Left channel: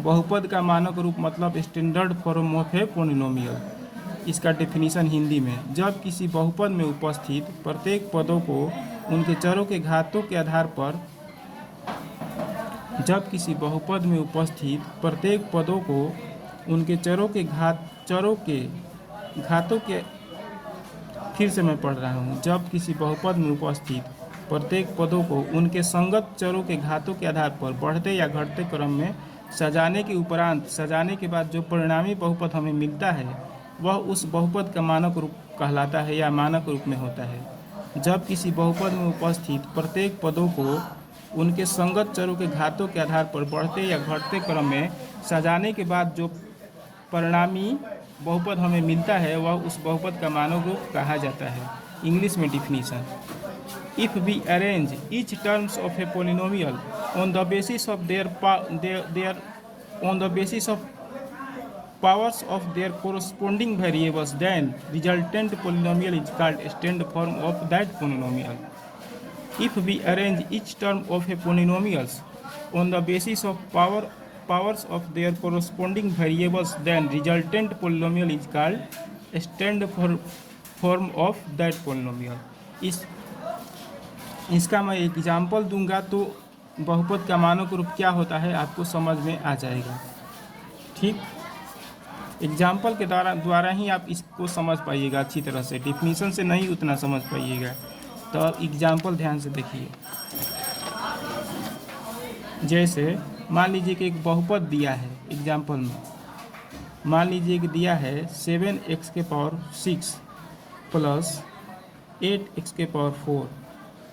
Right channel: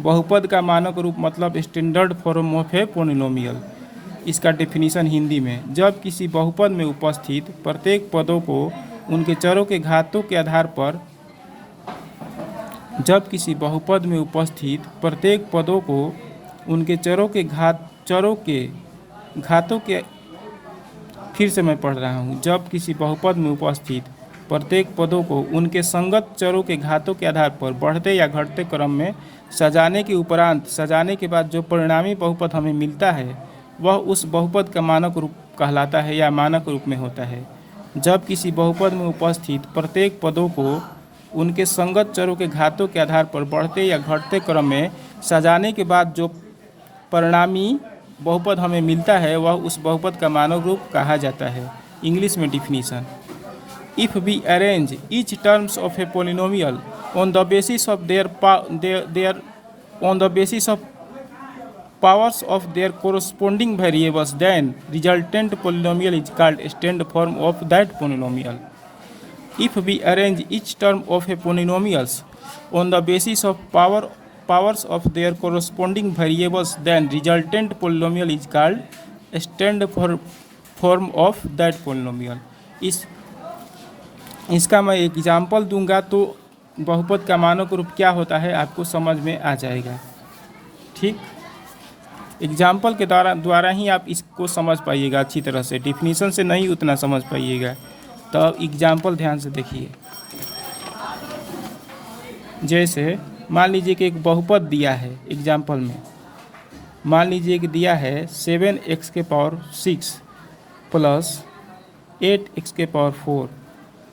बहुपद का मानक रूप मतलब standard form of a polynomial. इसका डेफिनेशन हिंदी में, जब किसी बहुपद में उपस्थित प्रत्येक पदों को उनके चरों के घातों के आधार पर जब किसी बहुपद में उपस्थित प्रत्येक पदों को उनके चरों के घातों के फिर से मैं पढ़ रहा हूँ। जब किसी बहुपद में उपस्थित प्रत्येक पदों को उनके संगत चरों के घातों के आधार पर बढ़ते या घटते क्रम में सजाने के उपरांत सजाने के बाद जो परिणामी बहुपद हमें मिलता है वह उस बहुपद का मानक रूप कहलाता है या मानक रूप में होता है। जब किसी बहुपद में उपस्थित प्रत्येक पदों को उनके संगत चरों के घातों के आधार पर बढ़ते या घटते क्रम में सजाने के बाद जो परिणामी बहुपद हमें मिलता है वह उस बहुपद का मानक रूप कहा जाता है। इंग्लिश में definition, if we arrange each terms of a polynomial on the basis of powers of their corresponding variables, then resultant polynomial is called standard form of that polynomial. If we arrange each term of a polynomials on the basis of powers of their corresponding variables, then resultant polynomial is called standard form of that polynomial. इसका मैं example दूंगा तो बहुपद का मानक रूप क्या होता है आपको समझ में आ जाएगा। ठीक, एग्जाम्पल के द्वारा ही आप इसको समझ पाइएगा अच्छी तरह से, डिफिनीशन से नहीं उतना समझ पाइएगा। तो एग्जाम्पल ध्यान से देखिए। जैसे मान लीजिए कि एक बहुपद दिया है, एग्जाम्पल में मान लीजिए कि दिया है 7x⁴ plus 8x⁴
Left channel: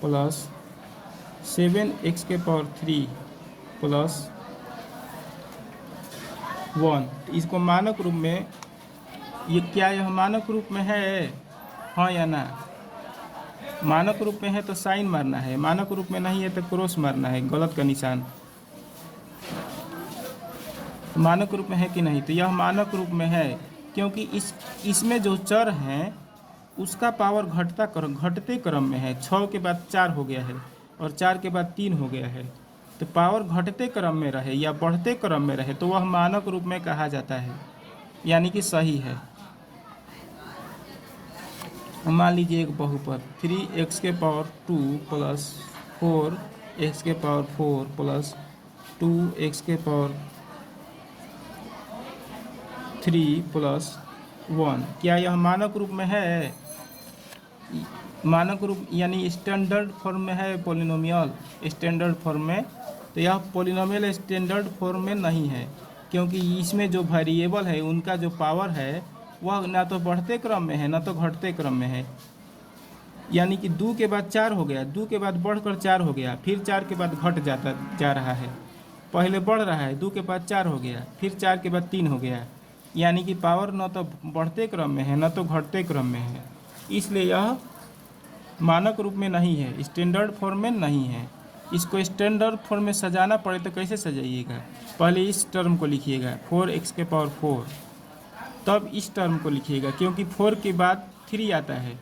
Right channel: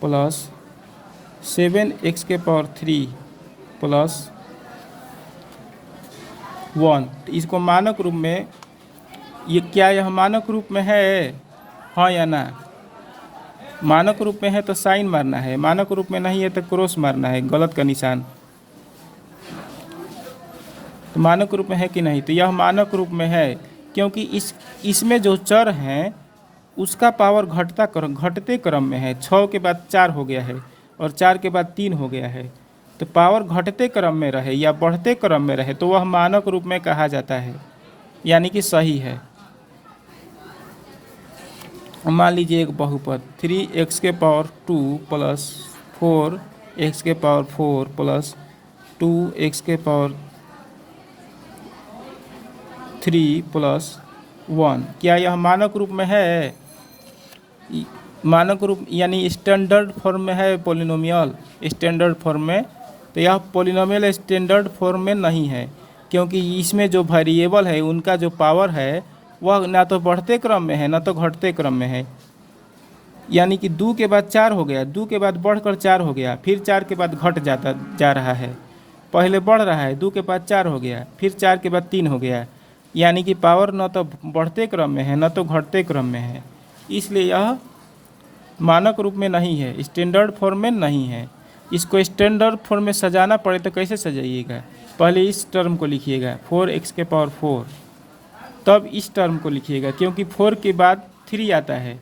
plus 7x⁴ plus 1। इसको मानक रूप में, ये क्या यह मानक रूप में है, हाँ या ना? मानक रूप में है तो साइन मारना है, मानक रूप में नहीं है तो क्रॉस मारना है, गलत का निशान। तो मानक रूप में है कि नहीं? तो यह मानक रूप में है क्योंकि इसमें जो चर हैं उसका पावर घटते क्रम में है। 6 के बाद 4 हो गया है और 4 के बाद 3 हो गया है, तो पावर घटते क्रम में रहे या बढ़ते क्रम में रहे तो वह मानक रूप में कहा जाता है, यानी कि सही है। मान लीजिए एक बहुपद 3x⁴ plus 4x⁴ plus 2x⁴ plus 1, क्या यह मानक रूप में है? मानक रूप यानी स्टैंडर्ड फॉर्म में है पोलिनोमियल, स्टैंडर्ड फॉर्म में। तो यह पोलिनोमियल स्टैंडर्ड फॉर्म में नहीं है क्योंकि इसमें जो वेरिएबल है उनका जो पावर है वह ना तो बढ़ते क्रम में है ना तो घटते क्रम में है। यानी कि 2 के बाद 4 हो गया, 2 के बाद बढ़कर 4 हो गया, फिर 4 के बाद घट जा रहा है, पहले बढ़ रहा है, 2 के बाद 4 हो गया, फिर 4 के बाद 3 हो गया, यानी कि पावर न तो बढ़ते क्रम में है न तो घटते क्रम में है। इसलिए यह मानक रूप में नहीं है, स्टैंडर्ड फॉर्म में नहीं है। इसको स्टैंडर्ड फॉर्म में सजाना पड़े तो कैसे सजाइएगा? पहले इस टर्म को लिखिएगा 4x⁴, तब इस टर्म को लिखिएगा क्योंकि 4 के बाद 3 आता है,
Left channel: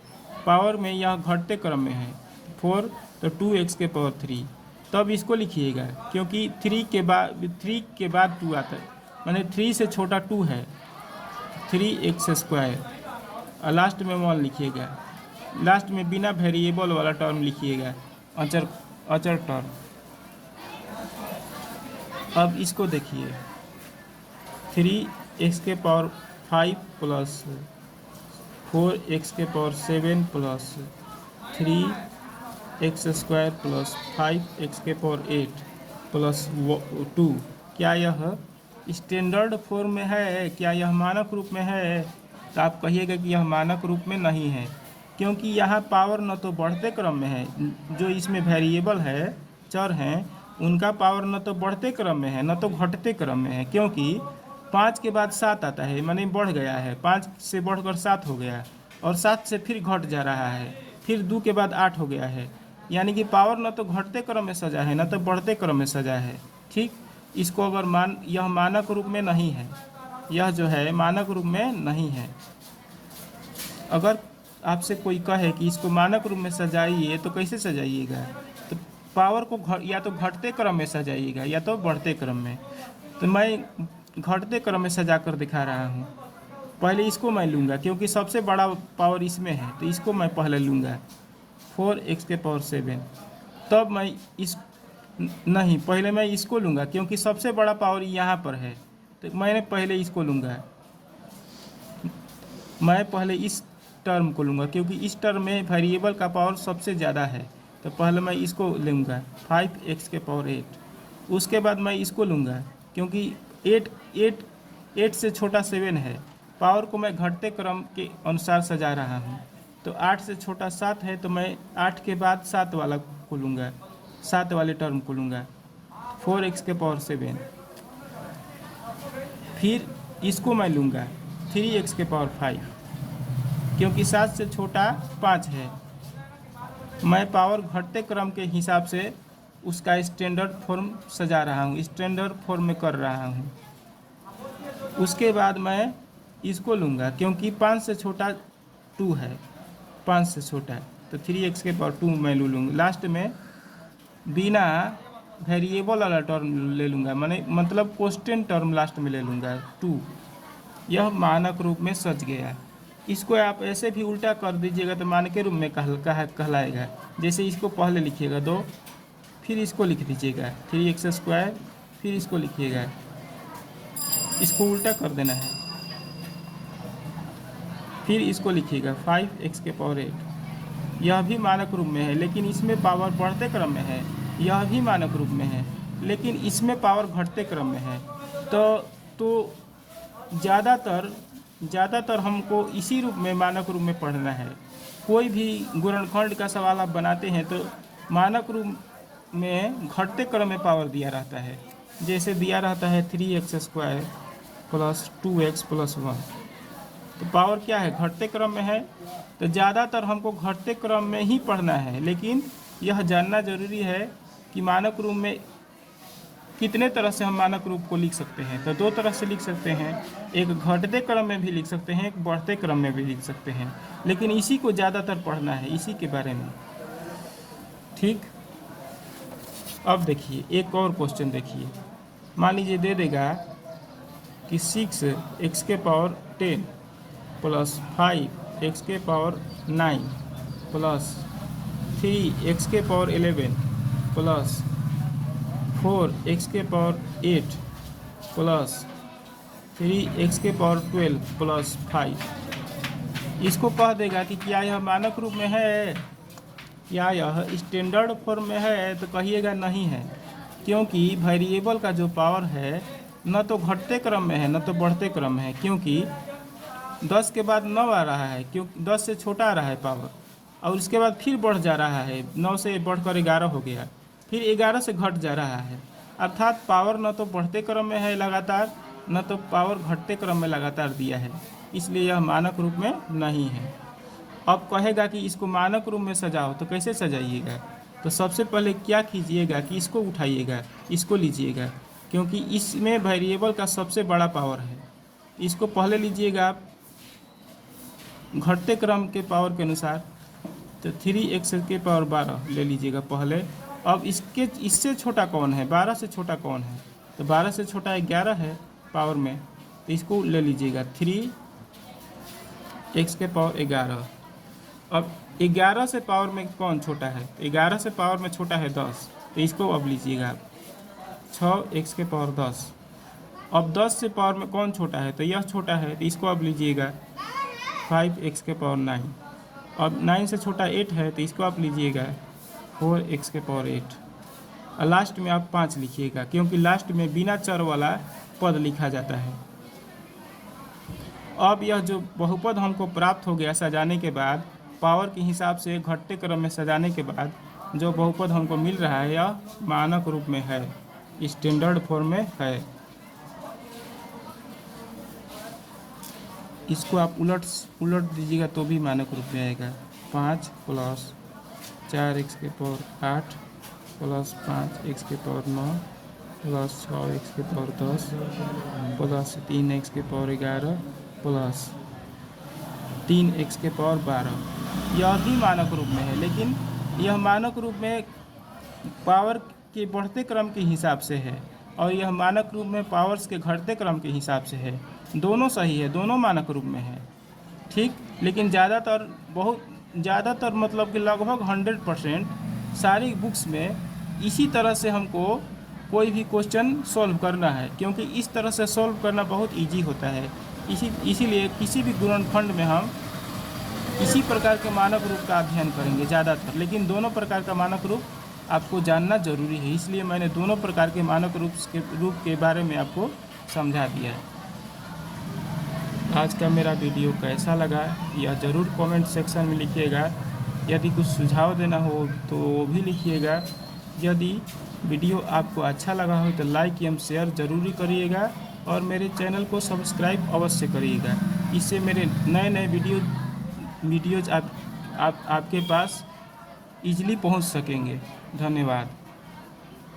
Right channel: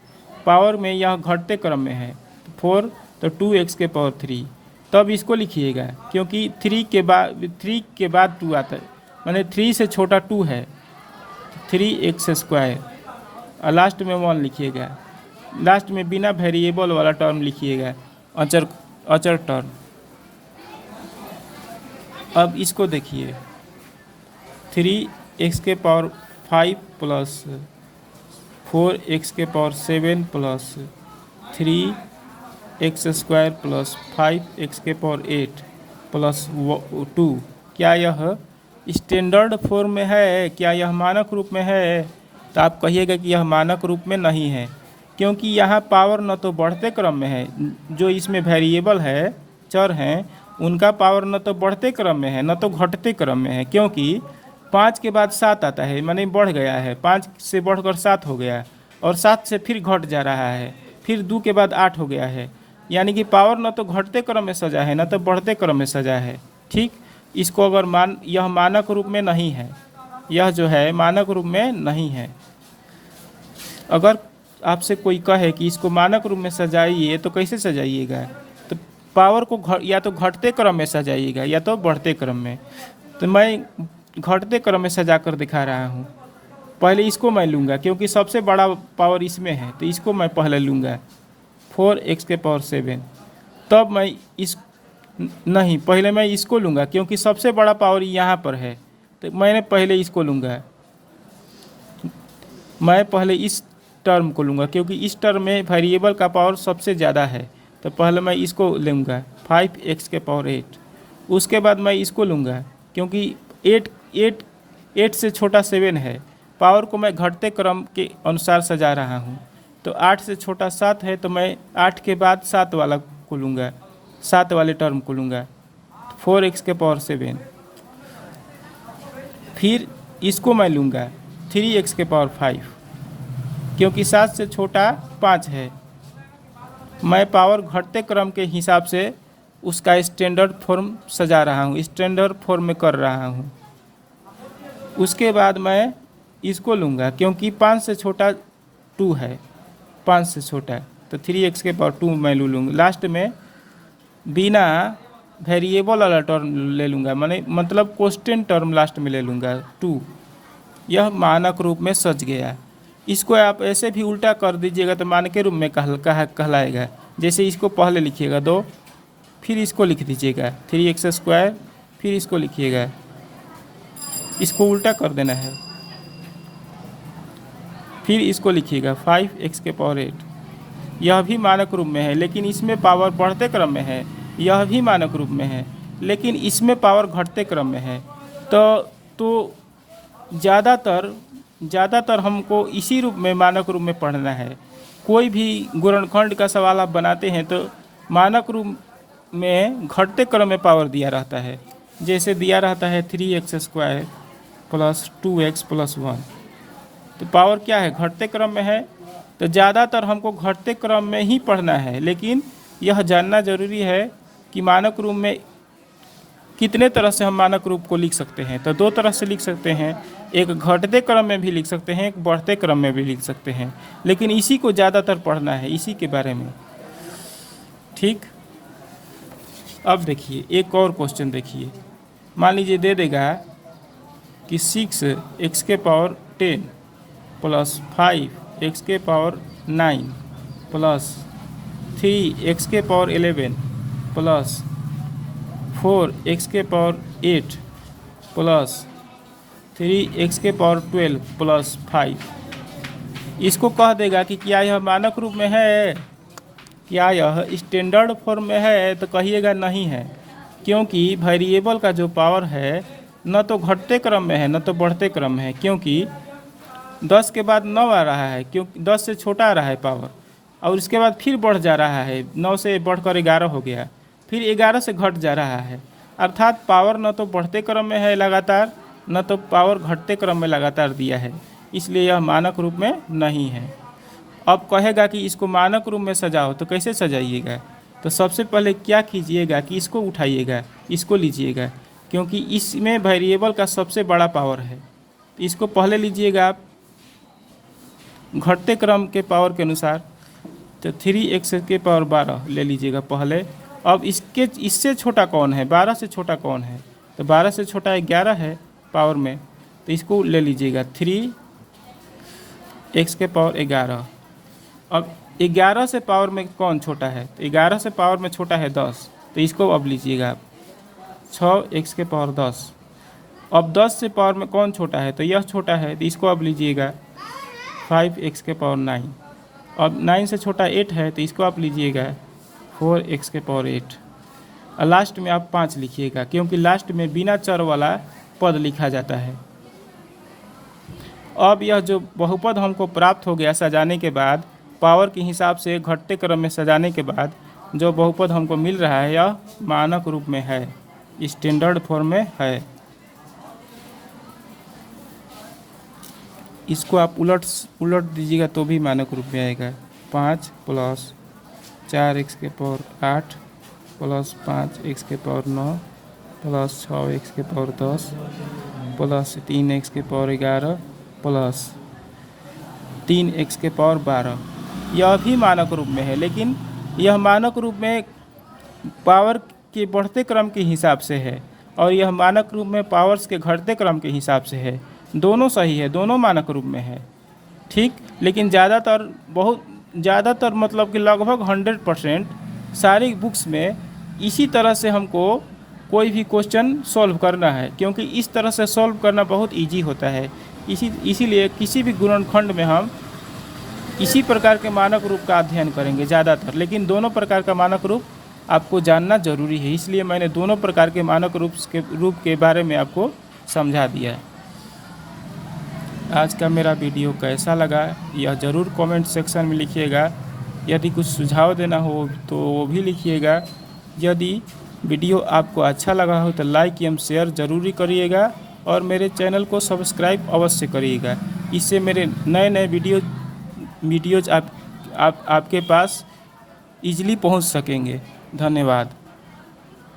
पावर में यह घटते क्रम में है 4, तो 2x⁴, तब इसको लिखिएगा क्योंकि 3 के बाद 2 आता है, माने 3 से छोटा 2 है, 3x², और लास्ट में 1 लिखिएगा। लास्ट में बिना वेरिएबल वाला टर्म लिखिएगा, अचर टर्म। अब इसको देखिए 3x⁵ plus 4x⁷ plus 3x² plus 5x⁸ plus 2, क्या यह स्टैंडर्ड फॉर्म में है? क्या यह मानक रूप में है? तो आप कहिएगा कि यह मानक रूप में नहीं है क्योंकि यहाँ पावर न तो बढ़ते क्रम में है, जो इसमें वेरिएबल है, चर हैं, उनका पावर न तो बढ़ते क्रम में है न तो घटते क्रम में है, क्योंकि 5 के बाद 7 आता है, माने बढ़ गया है, 5 से बढ़कर 7 हो गया और 7 से फिर घट जा रहा है, फिर 2 के बाद 8 हो गया है, यानी कि पावर न तो घटते क्रम में सजा है न तो बढ़ते क्रम में सजा है। ठीक, इसको अगर यह मानक रूप में नहीं है, यह जो है मानक रूप में नहीं है। अगर आपसे कोई कहे कि इसको मानक रूप में सजाइए तो कैसे सजाइएगा? तो पावर को या तो घटते क्रम में सजाइएगा या तो बढ़ते क्रम में। तो मैं घटते क्रम में सजा कर दिखा रहा हूँ। पहले इसको मैं लूँगा क्योंकि सबसे बड़ा पावर इसमें है, तो इसको मैं पहले लूँगा 4x⁴। तब मैं इस नहीं, पहले मैं इसको लूँगा क्योंकि सबसे बड़ा पावर यहाँ पर है, तो मैंने पहले इसको लूँगा। मैं पहले इस टर्म को लूँगा क्योंकि इस टर्म में वेरिएबल का पावर सबसे ज़्यादा है, तो पहले मैं इसको लूँगा 5x⁴। उसके बाद मैं इसको लूँगा क्योंकि 8 से छोटा 7 है। पावर को मैं घटते क्रम के अनुसार सजा रहा हूँ, तो 8 से छोटा 7 है, तो मैं 8 के बाद 7 वाला को लूँगा, 7 वाले टर्म को लूँगा 4x⁴। फिर इसको मैं लूँगा 3x⁵, क्योंकि 7 से छोटा 5 है। मैं पावर घटते क्रम के हिसाब से उसका स्टैंडर्ड फॉर्म सजा रहा हूँ, स्टैंडर्ड फॉर्म में कर रहा हूँ। उसके बाद मैं इसको लूँगा क्योंकि 5 से छोटा 2 है, 5 से छोटा, तो 3x⁴ मैं लूँगा। लास्ट में बिना वेरिएबल वाला टर्म ले लूँगा, मतलब कांस्टेंट टर्म लास्ट में ले लूँगा 2। यह मानक रूप में सज गया। इसको आप ऐसे भी उल्टा कर दीजिएगा तो मानक रूप में कहलाएगा। जैसे इसको पहले लिखिएगा 2, फिर इसको लिख दीजिएगा 3x², फिर इसको लिखिएगा, इसको उल्टा कर देना है, फिर इसको लिखिएगा 5x⁴। यह भी मानक रूप में है, लेकिन इसमें पावर बढ़ते क्रम में है। यह भी मानक रूप में है, लेकिन इसमें पावर घटते क्रम में है। तो ज़्यादातर हमको इसी रूप में, मानक रूप में पढ़ना है। कोई भी गुणनखंड का सवाल आप बनाते हैं तो मानक रूप में घटते क्रम में पावर दिया रहता है। जैसे दिया रहता है 3x² + 2x + 1, तो पावर क्या है, घटते क्रम में है। तो ज़्यादातर हमको घटते क्रम में ही पढ़ना है, लेकिन यह जानना ज़रूरी है कि मानक रूप में कितने तरह से हम मानक रूप को लिख सकते हैं। तो 2 तरह से लिख सकते हैं, एक घटते क्रम में भी लिख सकते हैं, एक बढ़ते क्रम में भी लिख सकते हैं, लेकिन इसी को ज़्यादातर पढ़ना है, इसी के बारे में। ठीक, अब देखिए एक और क्वेश्चन देखिए। मान लीजिए दे देगा कि 6x⁻10 + 5x⁻9 + 3x⁻11 + 4x⁻8 + 3x⁻12 + 5। इसको कह देगा कि क्या यह मानक रूप में है, क्या यह स्टैंडर्ड फॉर्म में है, तो कहिएगा नहीं है, क्योंकि वेरिएबल का जो पावर है न तो घटते क्रम में है न तो बढ़ते क्रम में है, क्योंकि 10 के बाद 9 आ रहा है, क्योंकि 10 से छोटा आ रहा है पावर, और उसके बाद फिर बढ़ जा रहा है, 9 से बढ़कर 11 हो गया, फिर 11 से घट जा रहा है। अर्थात पावर न तो बढ़ते क्रम में है लगातार, न तो पावर घटते क्रम में लगातार दिया है, इसलिए यह मानक रूप में नहीं है। अब कहेगा कि इसको मानक रूप में सजाओ, तो कैसे सजाइएगा? तो सबसे पहले क्या कीजिएगा कि इसको उठाइएगा, इसको लीजिएगा, क्योंकि इसमें वेरिएबल का सबसे बड़ा पावर है। तो इसको पहले लीजिएगा आप घटते क्रम के पावर के अनुसार, तो 3x⁻12 ले लीजिएगा पहले। अब इससे छोटा कौन है, 12 से छोटा कौन है? तो 12 से छोटा 11 है पावर में, तो इसको ले लीजिएगा 3x⁻11। अब 11 से पावर में कौन छोटा है? तो 11 से पावर में छोटा है 10, तो इसको अब लीजिएगा आप 6x⁻10। अब 10 से पावर में कौन छोटा है? तो यह छोटा है, तो इसको अब लीजिएगा 5x⁻9। अब 9 से छोटा 8 है, तो इसको आप लीजिएगा 4x⁻8। और लास्ट में आप 5 लिखिएगा, क्योंकि लास्ट में बिना चर वाला पद लिखा जाता है। अब यह जो बहुपद हमको प्राप्त हो गया सजाने के बाद, पावर के हिसाब से घटते क्रम में सजाने के बाद जो बहुपद हमको मिल रहा है, यह मानक रूप में है, स्टैंडर्ड फॉर्म में है। इसको आप उलट दीजिएगा तो भी मानक रूप में आएगा। 5 + 4x⁸ + 5x⁹ + 6x⁻10 + 3x⁻11 + 3x⁻12, यह भी मानक रूप में है, लेकिन यह मानक रूप में पावर के बढ़ते क्रम के हिसाब से है। और यह मानक रूप में पावर्स के घटते क्रम के हिसाब से है। दोनों सही है, दोनों मानक रूप में है, ठीक। लेकिन ज़्यादातर मतलब कि लगभग 100% सारी बुक्स में इसी तरह से हमको कोई भी क्वेश्चन सॉल्व करना है, क्योंकि इस तरह से सॉल्व करना बहुत इजी होता है। इसीलिए किसी भी गुणनखंड में हम इसी प्रकार के मानक रूप का अध्ययन करेंगे ज़्यादातर, लेकिन दोनों प्रकार का मानक रूप आपको जानना जरूरी है। इसलिए मैंने दोनों प्रकार के मानक रूप के बारे में आपको समझा दिया है। आज का मेरा वीडियो कैसा लगा यह ज़रूर कमेंट सेक्शन में लिखिएगा। यदि कुछ सुझाव देना हो तो वो भी लिखिएगा। यदि वीडियो आपको अच्छा लगा हो तो लाइक एवं शेयर ज़रूरी करिएगा और मेरे चैनल को सब्सक्राइब अवश्य करिएगा। इससे मेरे नए नए वीडियोज़ आपके पास ईजिली पहुंच सकेंगे। धन्यवाद।